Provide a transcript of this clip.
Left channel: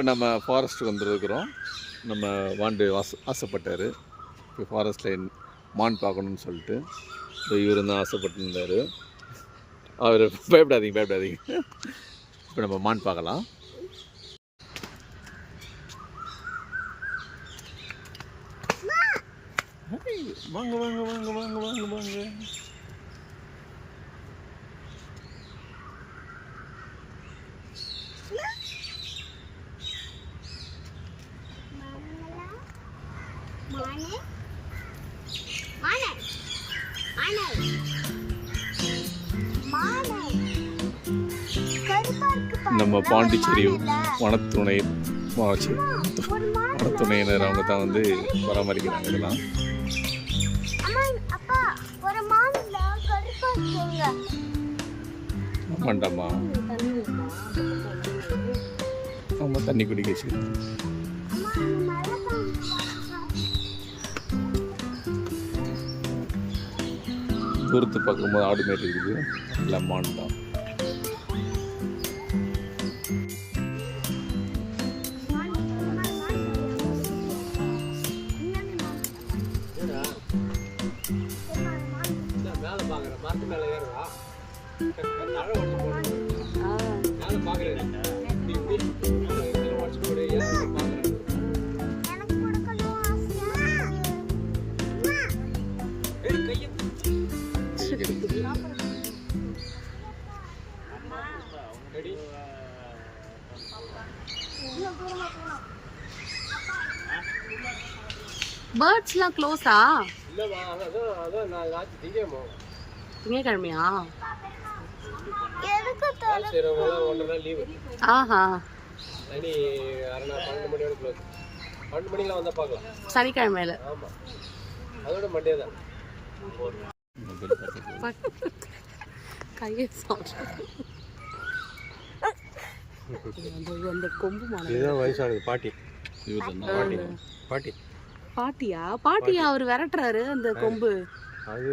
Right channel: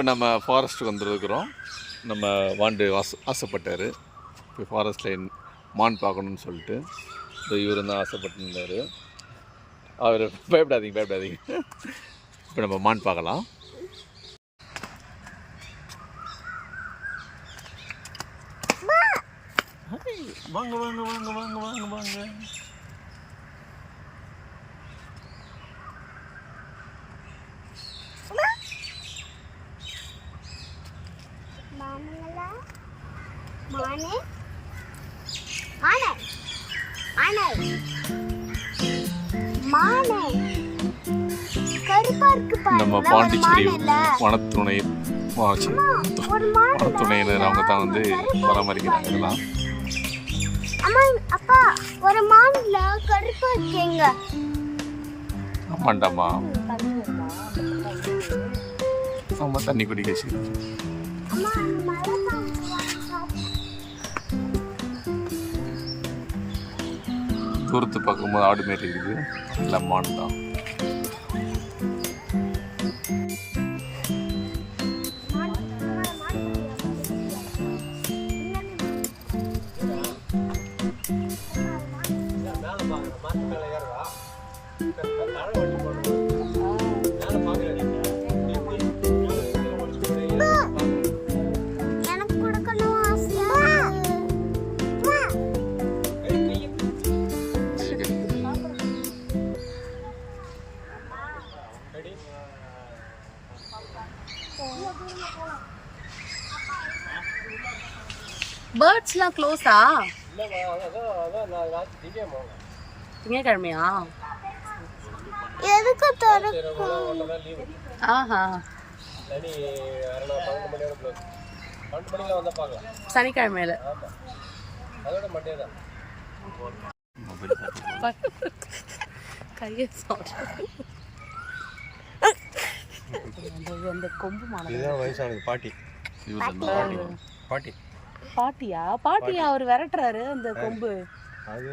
இப்போ நம்ம ஃபாரஸ்ட்டுக்கு வந்துருக்கிறோம். நம்ம வாண்டு ஆசைப்பட்டார் இப்போ ஃபாரஸ்ட்டில் மான் பார்க்கணுன்னு சொல்லிட்டு. இவர் தான் ஆசைப்பட்டுருந்தார். அவர் பயப்படாதீங்க. இப்போ நம்ம மான் பார்க்கலாம். வாங்க வாங்க வாங்க வாங்க வாங்க வாங்க. நம்ம பாண்டிச்சேரி வனத்துணையினர் அவங்க தான் வந்து பராமரிக்கிறாங்க இதெல்லாம். ஆமாண்டாமா, ஆமாம் தண்ணி குடிக்க வச்சு. தூரத்து பார்க்கும்போது ஆடு மாரி இருக்குது, எல்லாம் மான் தான். பேர்ட்ஸ்லாம் க்ளோஸா? திங்கக்கிழமையா? ஆஹா, சனிக்கிழமையில கையை அந்த கொம்பு வயசானது பாட்டி. பாட்டியா? அவர் விரட்டுறாரு அந்த கொம்பு. அது